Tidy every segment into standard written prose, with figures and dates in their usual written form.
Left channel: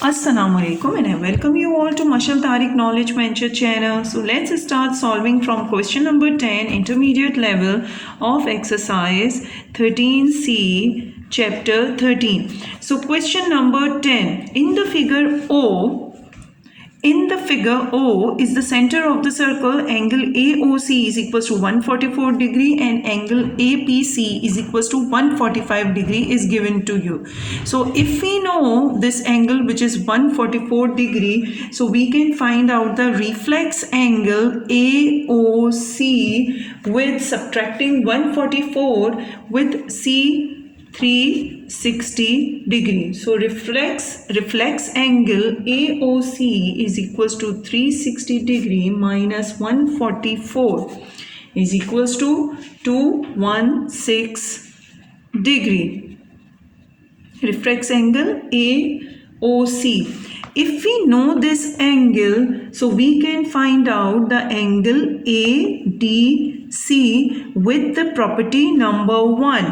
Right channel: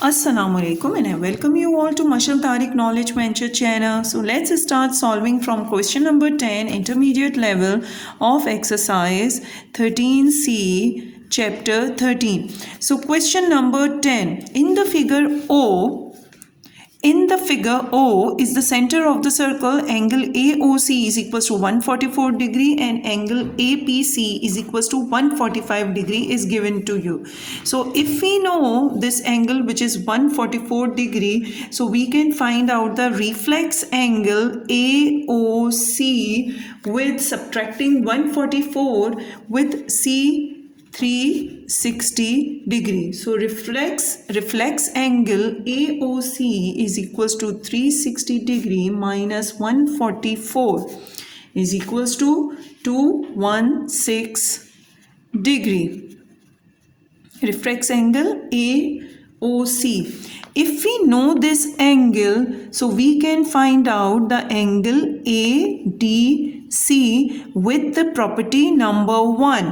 Assalamualaikum and I welcome you all to Mashal Tariq Knowledge Venture channel. So let's start solving from question number 10 intermediate level of exercise 13C chapter 13. So question number 10 in the figure O is the center of the circle. Angle AOC is equals to 144 degree and angle APC is equals to 145 degree is given to you. So if we know this angle which is 144 degree, so we can find out the reflex angle AOC with subtracting 144 with C 360 degree. So reflex angle AOC is equals to 360 degree minus 144 is equals to 216 degree. Reflex angle AOC. If we know this angle, so we can find out the angle ADC with the property number 1,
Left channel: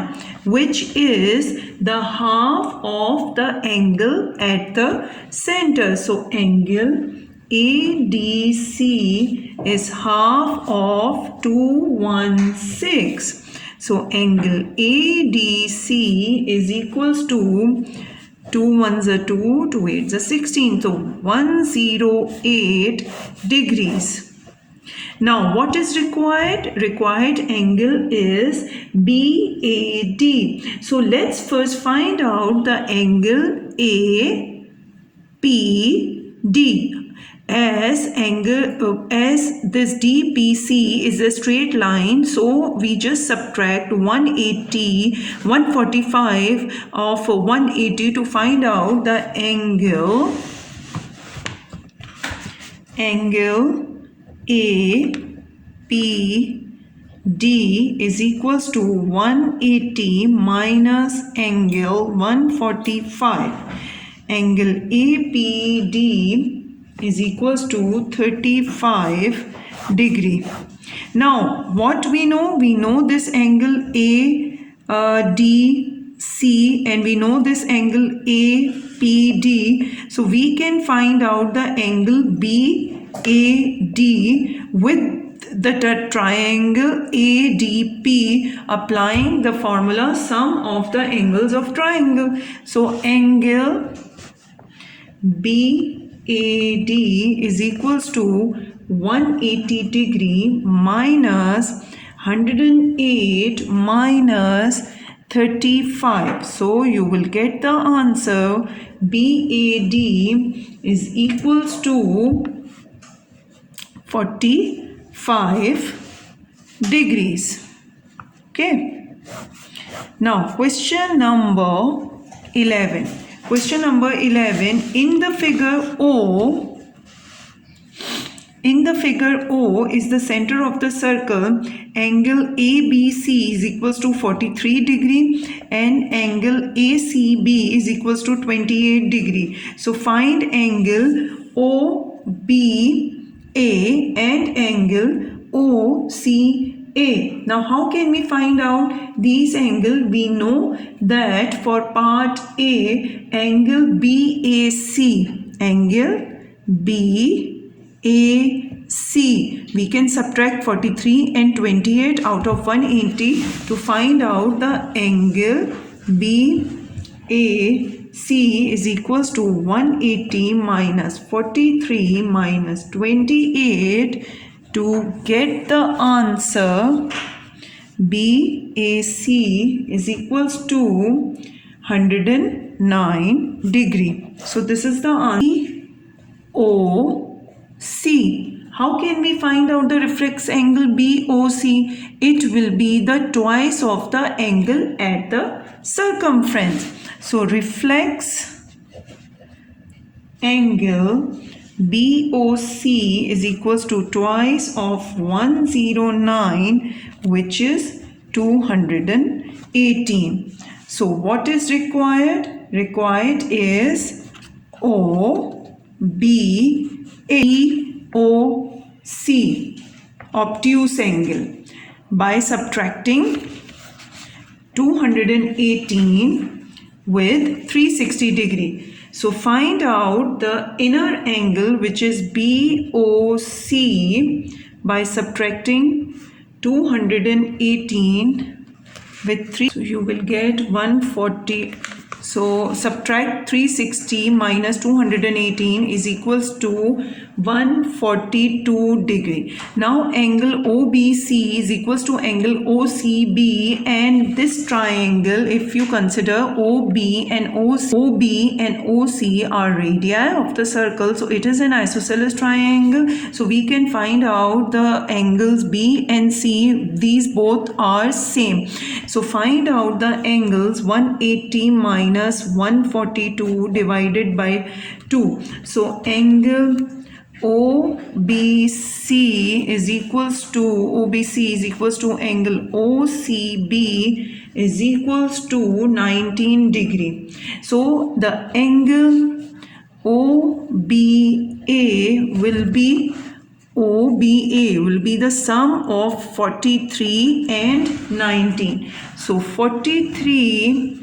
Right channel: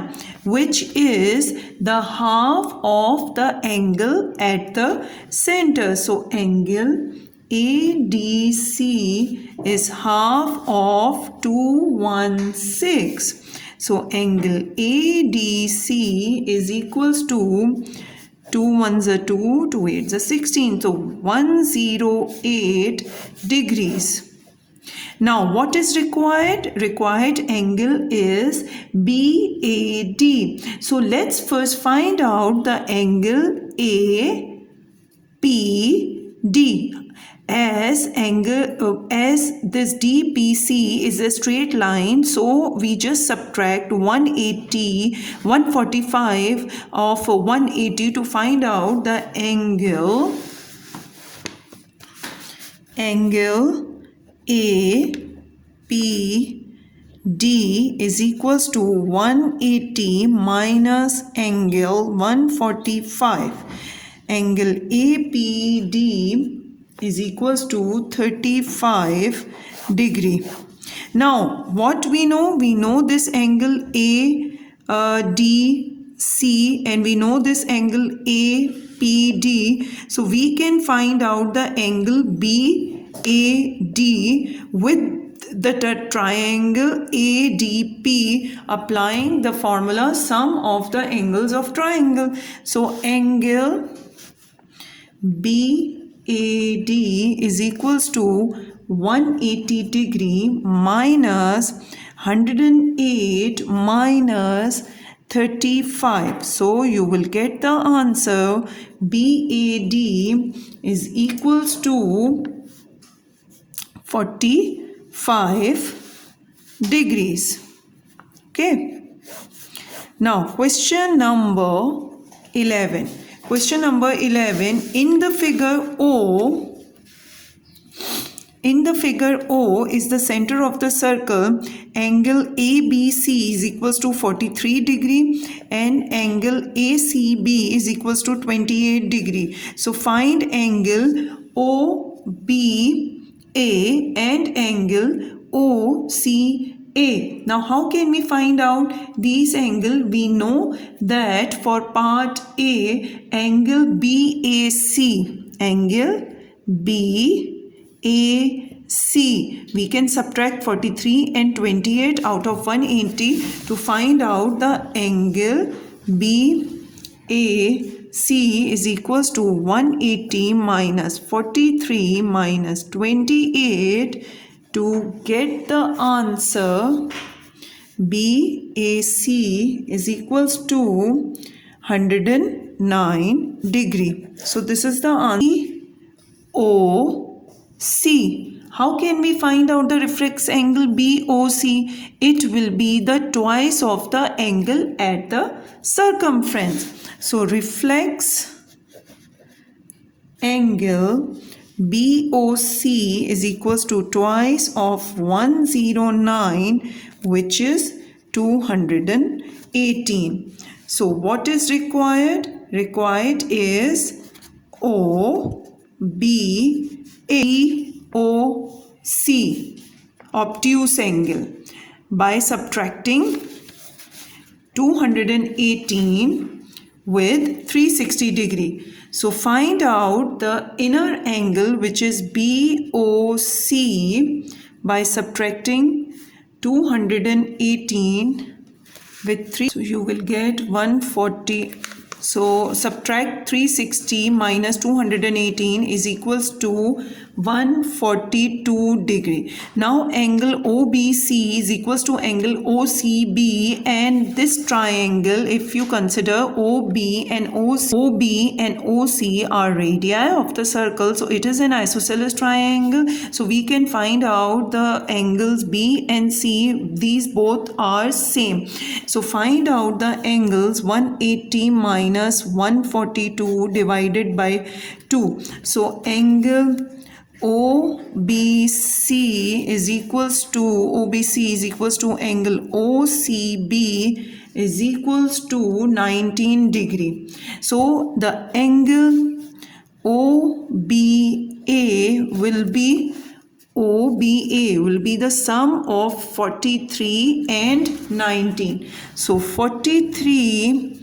which is the half of the angle at the center. So angle ADC is half of 216. So angle ADC is equals to 2 1s are 2, 2 8s are 16. So 108 degrees. Now what is required? Required angle is BAD. So let's first find out the angle APD. As this DPC is a straight line, so we just subtract 145 of 180 to find out the angle APD is equals to 180 minus angle 145. Angle APD is equals to 35 degree. Now what we know? We know this angle ADC and we know this angle APD. So we can find out the angle BAD with the triangle ADP, applying the formula sum of the angles of triangle. So angle BAD is equals to 180 degree minus 108 minus 35. So you will get the answer BAD is equals to 45 degrees. Okay. Now question number 11. Question number 11, in the figure O is the center of the circle. Angle ABC is equals to 43 degree and angle ACB is equals to 28 degree. So find angle OBA and angle OCA. Now how can we find out these angles? We know that for part A, angle BAC, we can subtract 43 and 28 out of 180 to find out the angle BAC is equals to 180 minus 43 minus 28 to get the answer. BAC is equals to 109 degree. So this is the answer. OC. How can we find out the reflex angle BOC? It will be the twice of the angle at the circumference. So reflex angle BOC is equals to twice of 109, which is 218. So what is required? Required is OBAOC, obtuse angle, by subtracting 218 with 360 degree. So find out the inner angle, which is BOC, by subtracting 218 with 3. So you will get 140. So subtract 360 minus 218 is equals to 142 degree. Now angle OBC is equals to angle OCB, and this triangle, if you consider OB and OC are radii of the circle, so it is an isosceles triangle. So we can find out the angles B and C. These both are same. So find out the angles 180 minus 142 divided by 2. So angle OBC is equals to angle OCB is equals to 19 degree. So the angle OBA will be the sum of 43 and 19. So 43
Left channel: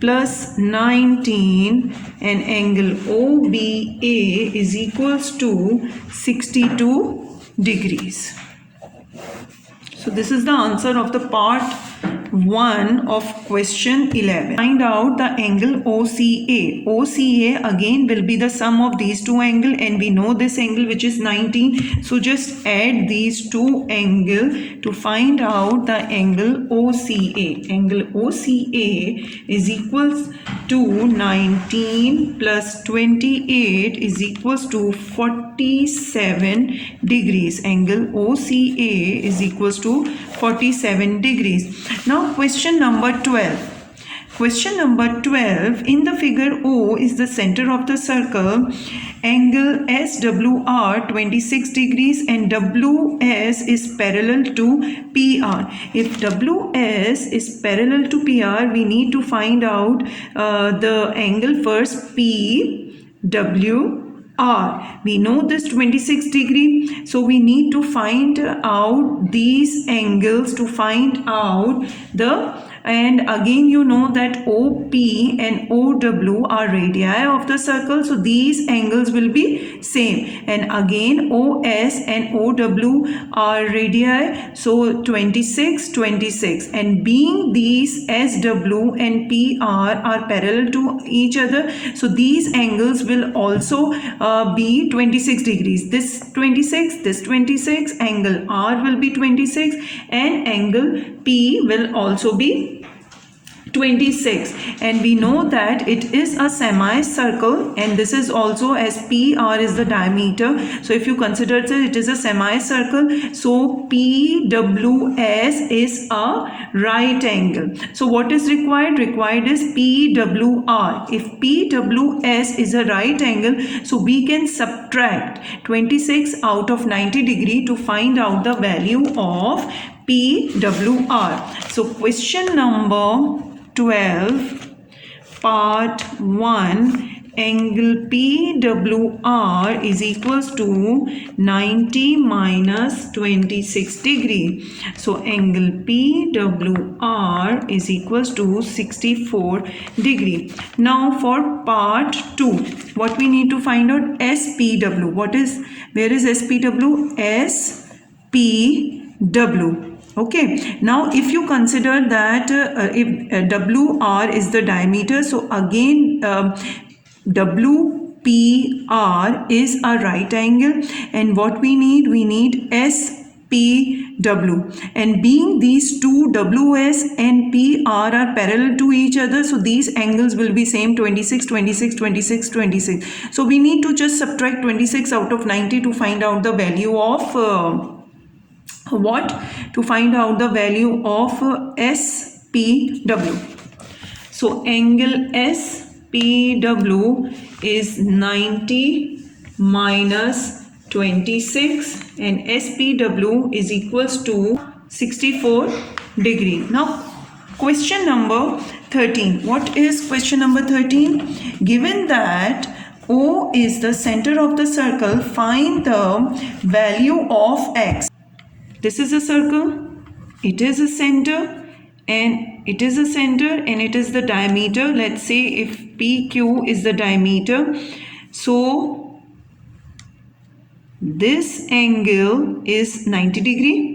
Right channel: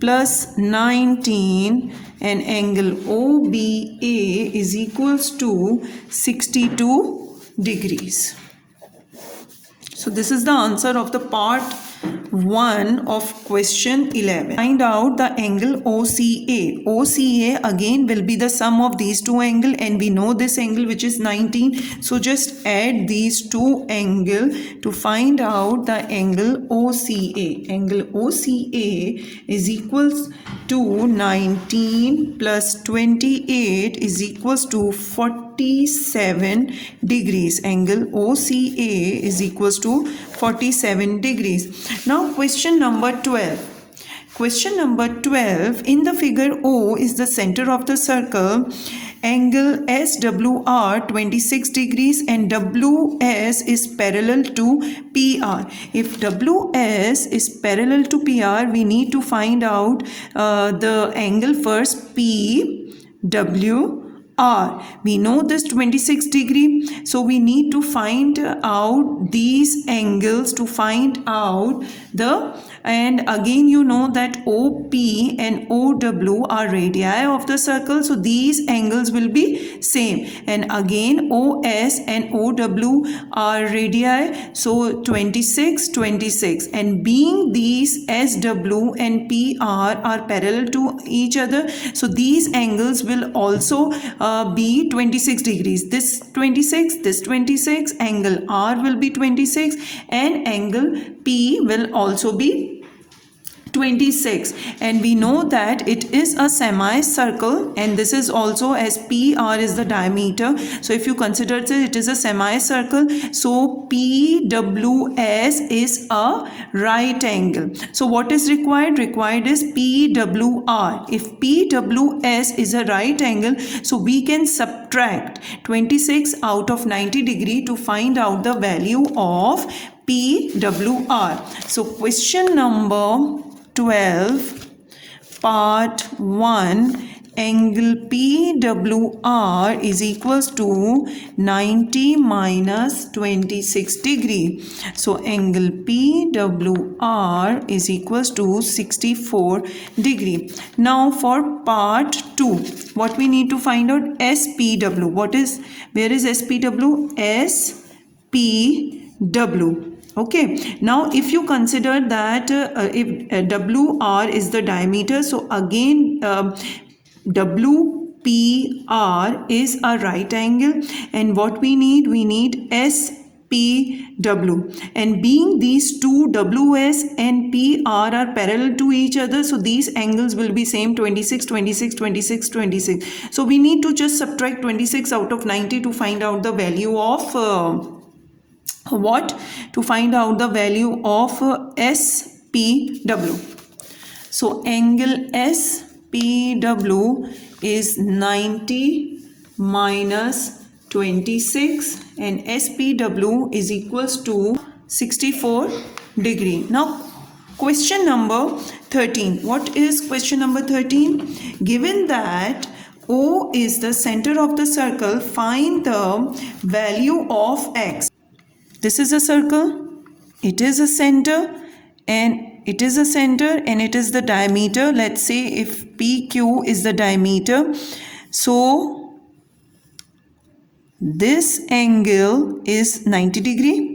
plus 19, and angle OBA is equals to 62 degrees. So this is the answer of the part 1 of question 11. Find out the angle OCA. OCA again will be the sum of these two angles, and we know this angle, which is 19. So just add these two angles to find out the angle OCA. Angle OCA is equals to 19 plus 28 is equals to 47 degrees. Angle OCA is equals to 47 degrees. Now question number 12. Question number 12, in the figure O is the center of the circle. Angle SWR 26 degrees and WS is parallel to PR. If WS is parallel to PR, we need to find out the angle first, PWR. We know this 26 degree, so we need to find out these angles to find out the, and again you know that OP and OW are radii of the circle, so these angles will be same, and again OS and OW are radii, so 26, and being these SW and PR are parallel to each other, so these angles will also be 26 degrees. This 26, angle R will be 26, and angle P will also be 26, and we know that it is a semicircle, and this is also, as PR is the diameter, so if you consider it is a semicircle, so PWS is a right angle. So what is required? Required is PWR. If PWS is a right angle, so we can subtract 26 out of 90 degree to find out the value of PWR. So question number 12, part 1, angle PWR is equals to 90 minus 26 degree. So angle PWR is equals to 64 degree. Now for part 2, what we need to find out? SPW. Where is SPW? SPW. Okay, now if you consider that if WR is the diameter, so again WPR is a right angle, and what we need SPW, and being these two WS and PR are parallel to each other, so these angles will be same, 26. So we need to just subtract 26 out of 90 to find out the value of to find out the value of SPW. So angle SPW is 90 minus 26, and SPW is equals to 64 degree. Now question number 13. What is question number 13? Given that O is the center of the circle, find the value of X. This is a circle, it is a center, and it is a center and it is the diameter. Let's say if PQ is the diameter, so this angle is 90 degree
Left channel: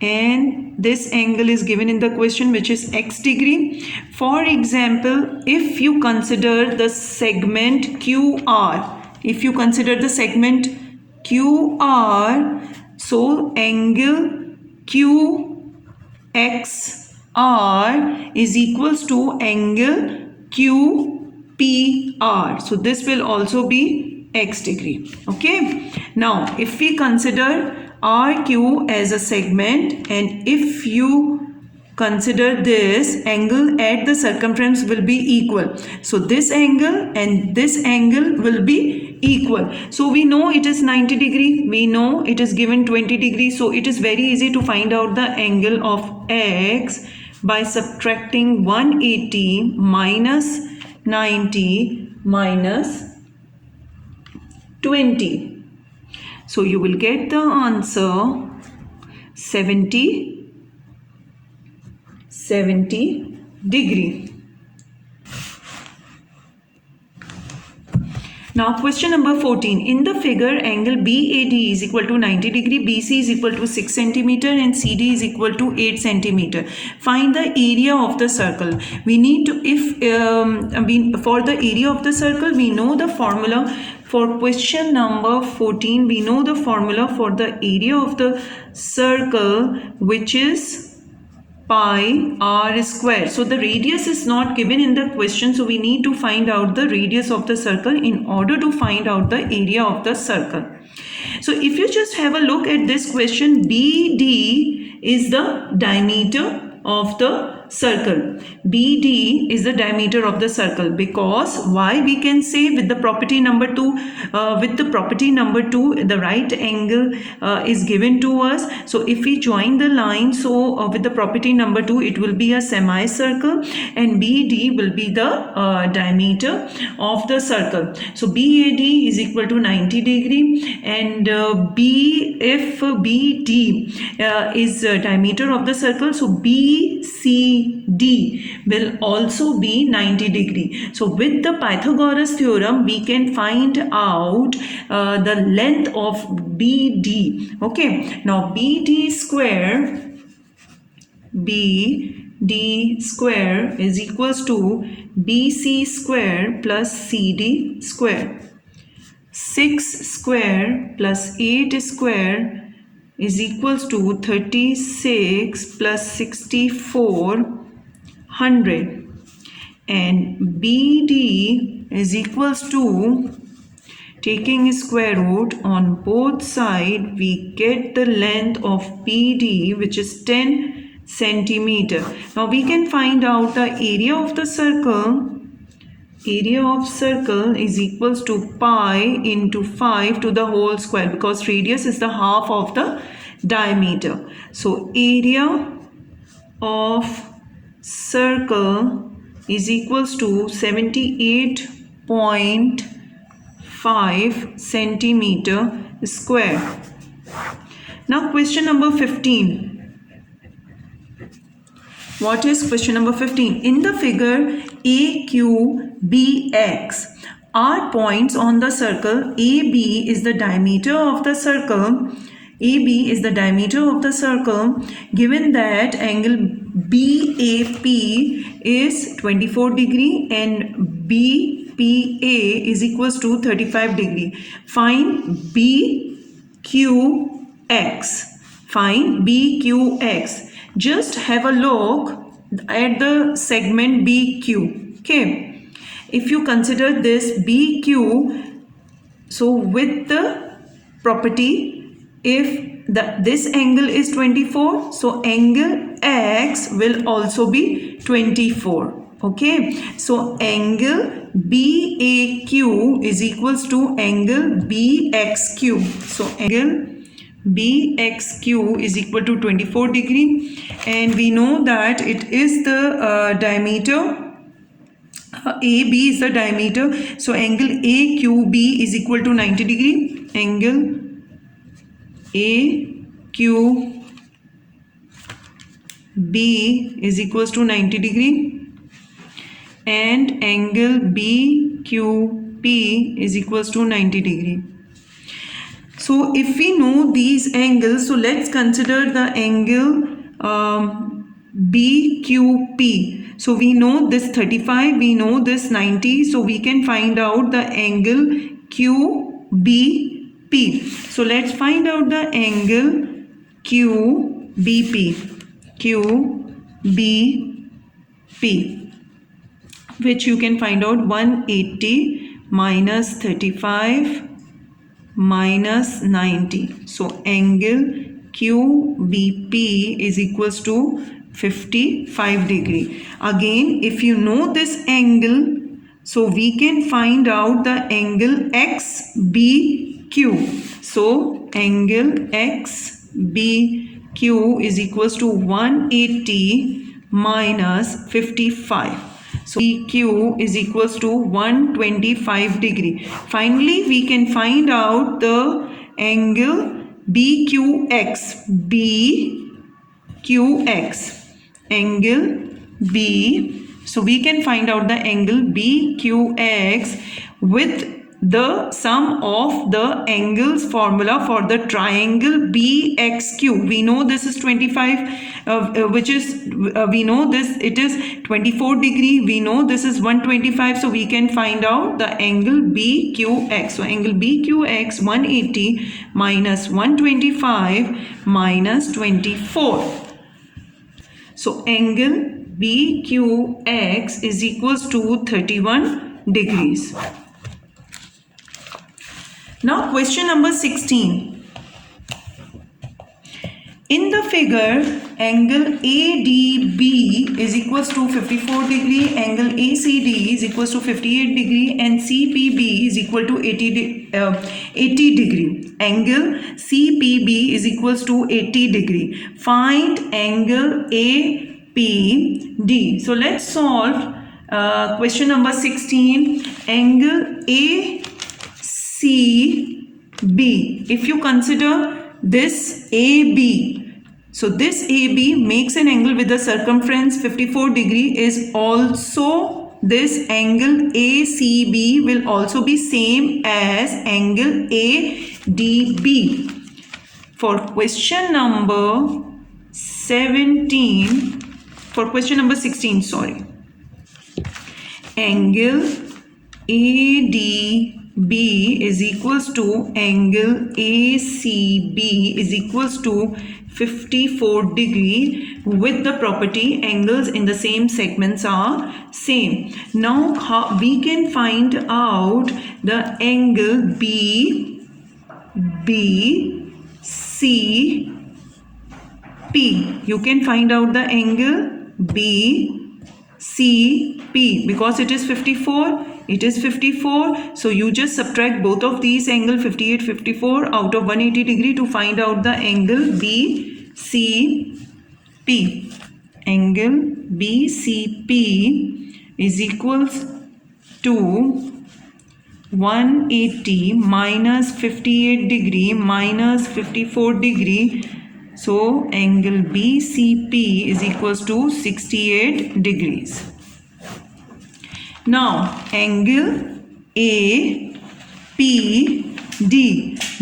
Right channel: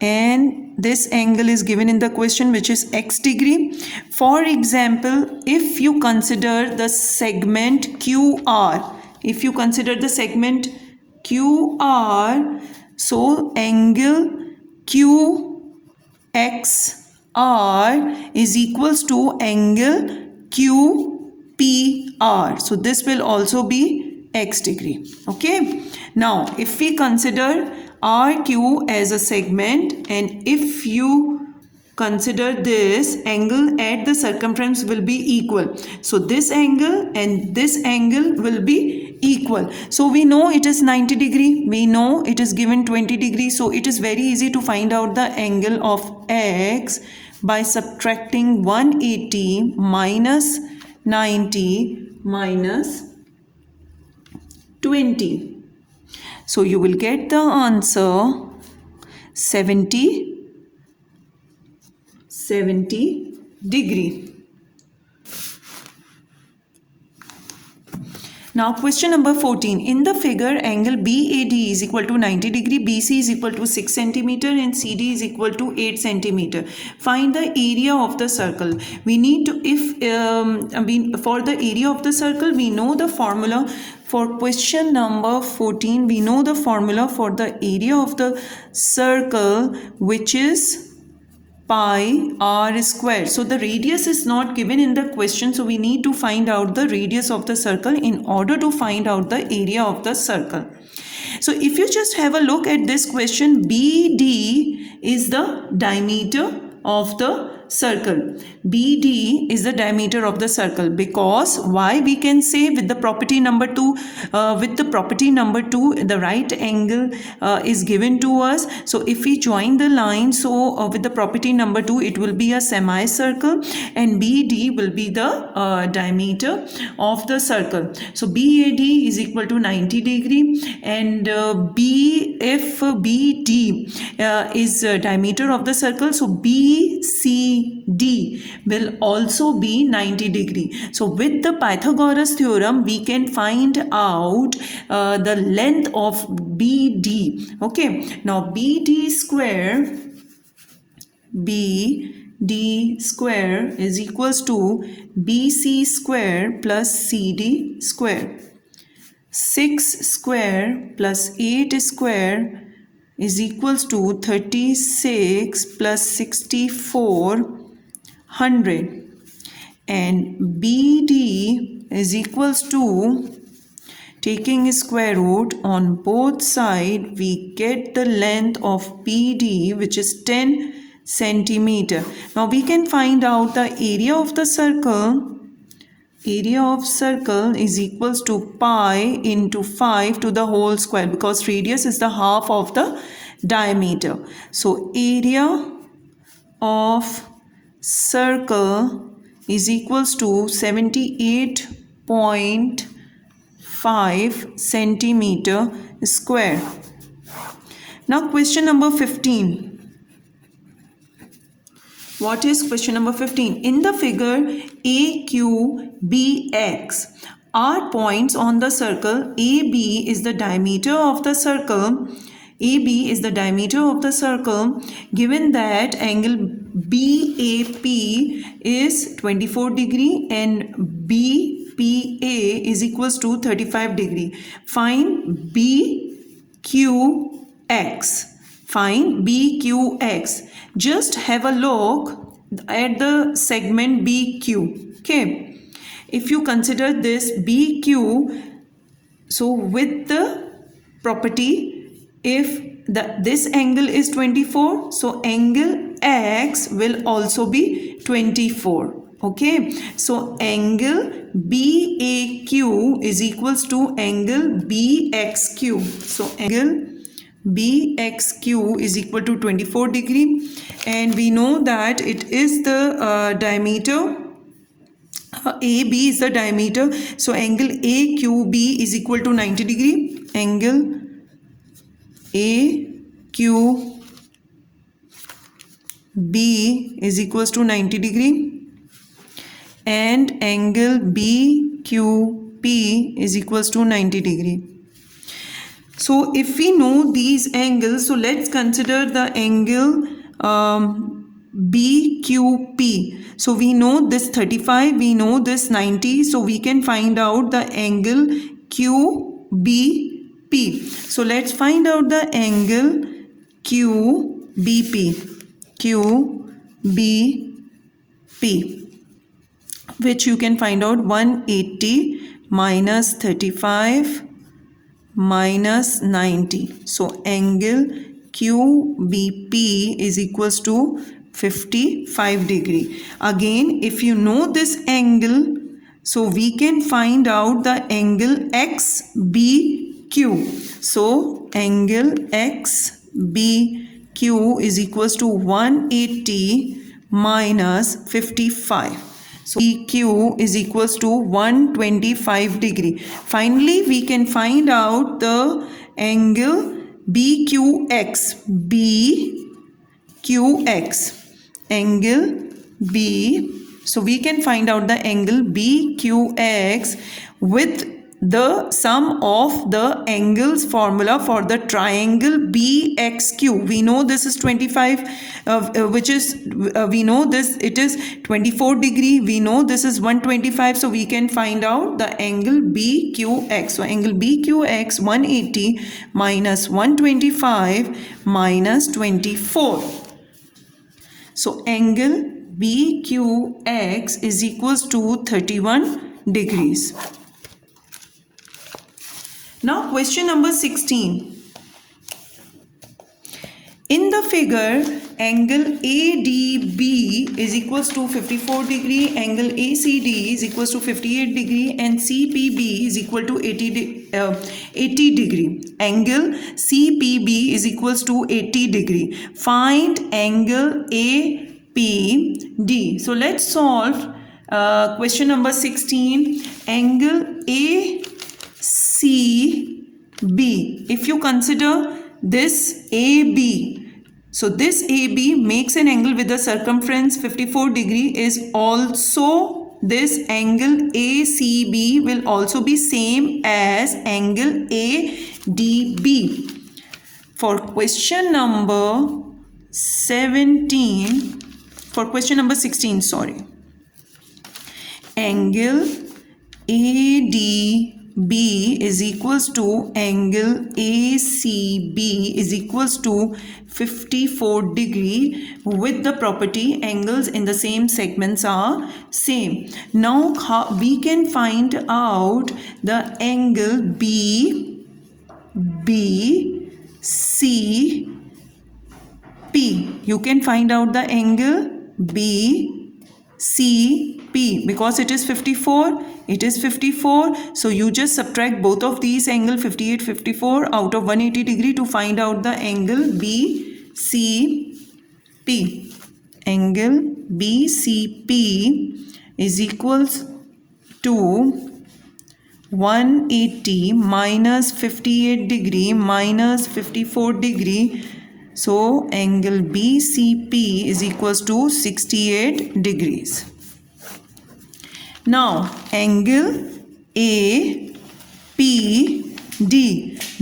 and this angle is given in the question, which is x degree. For example, if you consider the segment QR, if you consider the segment QR, so angle QXR is equals to angle QPR. So this will also be x degree. Okay. Now, if we consider RQ as a segment, and if you consider this angle at the circumference will be equal, so this angle and this angle will be equal. So we know it is 90 degree, we know it is given 20 degree, so it is very easy to find out the angle of x by subtracting 180 minus 90 minus 20. So you will get the answer 70 degree. Now question number 14. In the figure, angle BAD is equal to 90 degree, BC is equal to 6 centimeter and CD is equal to 8 centimeter. Find the area of the circle. We need to, for the area of the circle, we know the formula. For question number 14, we know the formula for the area of the circle, which is pi r square. So the radius is not given in the question, so we need to find out the radius of the circle in order to find out the area of the circle. So if you just have a look at this question, BD is the diameter of the circle. BD is the diameter of the circle, because why we can say with the property number 2, the right angle is given to us. So if we join the line, so with the property number 2, it will be a semicircle and BD will be the diameter of the circle. So BAD is equal to 90 degree and if BD is diameter of the circle, so BCD will also be 90 degree. So with the Pythagoras theorem, we can find out the length of BD. Okay, now BD square is equals to BC square plus CD square. 6 square plus 8 square is equals to 36 plus 6400, and BD is equals to, taking square root on both sides, we get the length of BD, which is 10 centimeter. Now we can find out the area of the circle. Area of circle is equals to pi into 5 to the whole square, because radius is the half of the diameter. So area of circle is equals to 78.5 centimeter square. Now question number 15. What is question number 15? In the figure AQBX are points on the circle. AB is the diameter of the circle. AB is the diameter of the circle. Given that angle BAP is 24 degree and BPA is equals to 35 degree. Find BQX. Find BQX. Just have a look at the segment BQ. Okay, if you consider this BQ, so with the property, if this angle is 24, so angle X will also be 24. Okay, so angle BAQ is equals to angle BXQ. So angle BXQ is equal to 24 degree, and we know that it is the diameter. AB is the diameter, so angle AQB is equal to 90 degree. Angle AQB B is equals to 90 degree and angle BQP is equals to 90 degree. So if we know these angles, so let's consider the angle BQP. So we know this 35, we know this 90, so we can find out the angle QBP. So let's find out the angle QBP, which you can find out 180 minus 35 minus 90. So angle QBP is equals to 55 degree. Again, if you know this angle, so we can find out the angle XBQ. So angle XBQ is equals to 180 minus 55. So BQ is equals to 125 degree. Finally, we can find out the angle BQX. Angle B. So we can find out the angle BQX with the sum of the angles formula for the triangle BXQ. We know this is 25, we know this, it is 24 degree. We know this is 125. So we can find out the angle BQX. So angle BQX 180 minus 125 minus 24. So angle BQX is equals to 31 degrees. Now question number 16. In the figure, angle ADB is equals to 54 degree, angle ACD is equals to 58 degree and CPB is equal to 80 degree. Angle CPB is equals to 80 degree. Find angle APD. So let's solve question number 16. Angle ACB. If you consider this AB, so this AB makes an angle with the circumference 54 degree is also this angle ACB will also be same as angle ADB. For question number 16, sorry, angle ADB is equals to angle ACB is equals to 54 degree with the property angles in the same segments are same. Now we can find out the angle BCP. You can find out the angle BCP because it is 54. It is 54. So you just subtract both of these angle 58, 54 out of 180 degree to find out the angle BCP. Angle BCP is equals to 180 minus 58 degree minus 54 degree. So angle BCP is equals to 68 degrees. Now angle APD.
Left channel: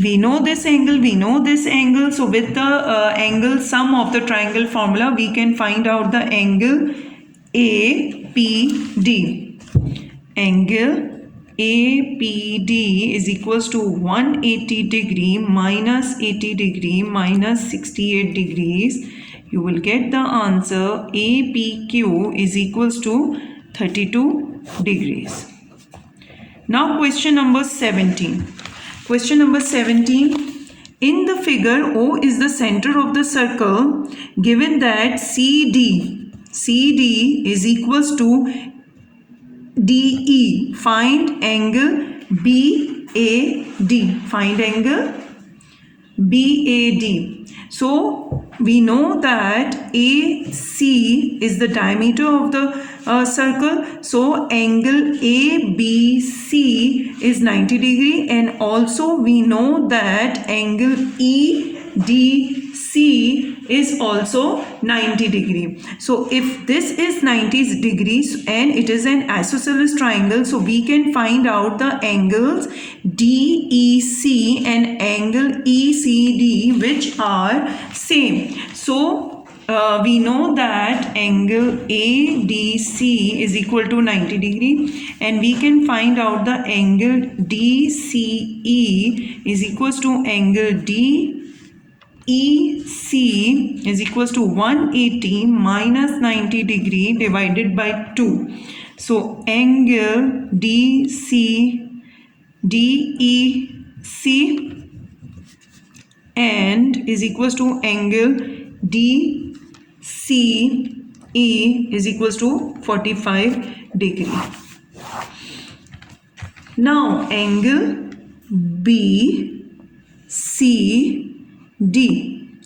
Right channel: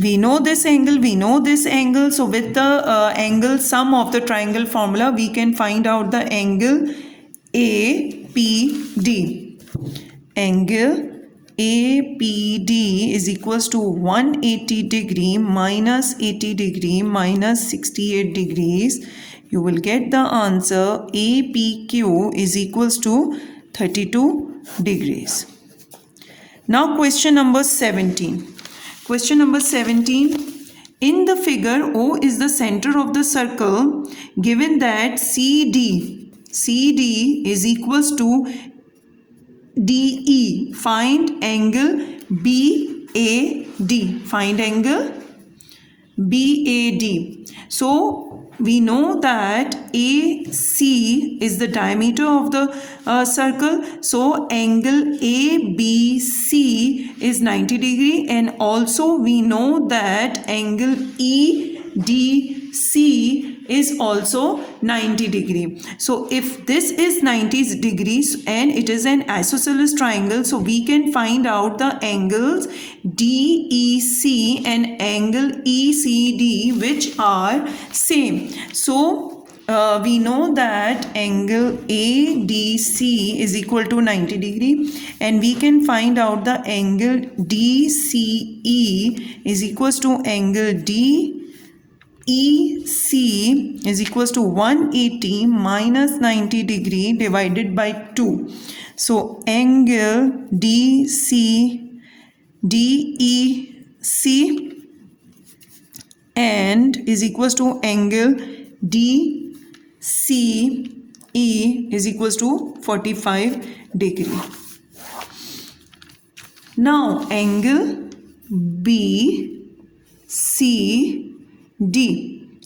We know this angle, we know this angle. So with the angle sum of the triangle formula, we can find out the angle APD. Angle APD is equals to 180 degree minus 80 degree minus 68 degrees. You will get the answer APQ is equals to 32 degrees. Now question number 17. Question number 17. In the figure, O is the center of the circle given that CD is equals to DE. Find angle BAD. Find angle BAD. So we know that AC is the diameter of the circle. So angle ABC is 90 degree and also we know that angle EDC BC is also 90 degree. So if this is 90 degrees and it is an isosceles triangle, so we can find out the angles DEC and angle ECD which are same. So we know that angle ADC is equal to 90 degree, and we can find out the angle DCE is equals to angle DEC is equals to 180 minus 90 degree divided by 2. So angle DEC and is equals to angle DCE is equals to 45 degree. Now angle BCD.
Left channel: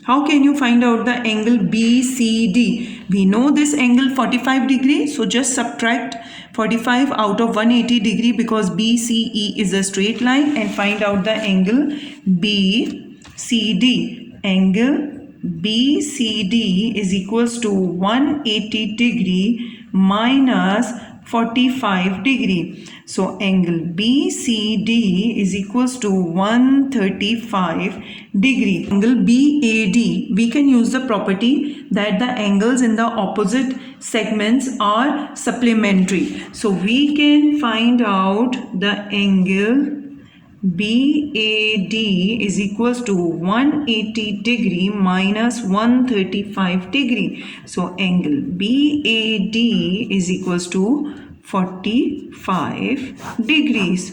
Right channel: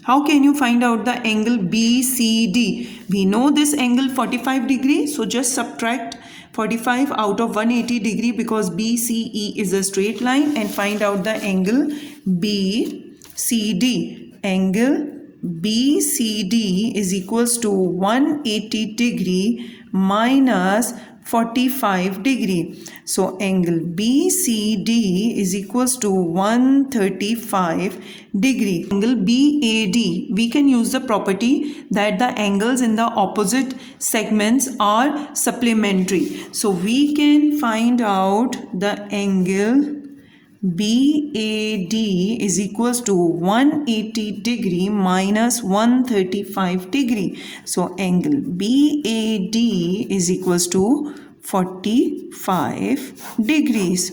How can you find out the angle BCD? We know this angle 45 degree, so just subtract 45 out of 180 degree because BCE is a straight line, and find out the angle BCD. Angle BCD is equals to 180 degree minus 45 degree. So angle BCD is equals to 135 degree. Angle BAD, we can use the property that the angles in the opposite segments are supplementary. So we can find out the angle BAD is equals to 180 degree minus 135 degree. So angle BAD is equals to 45 degrees.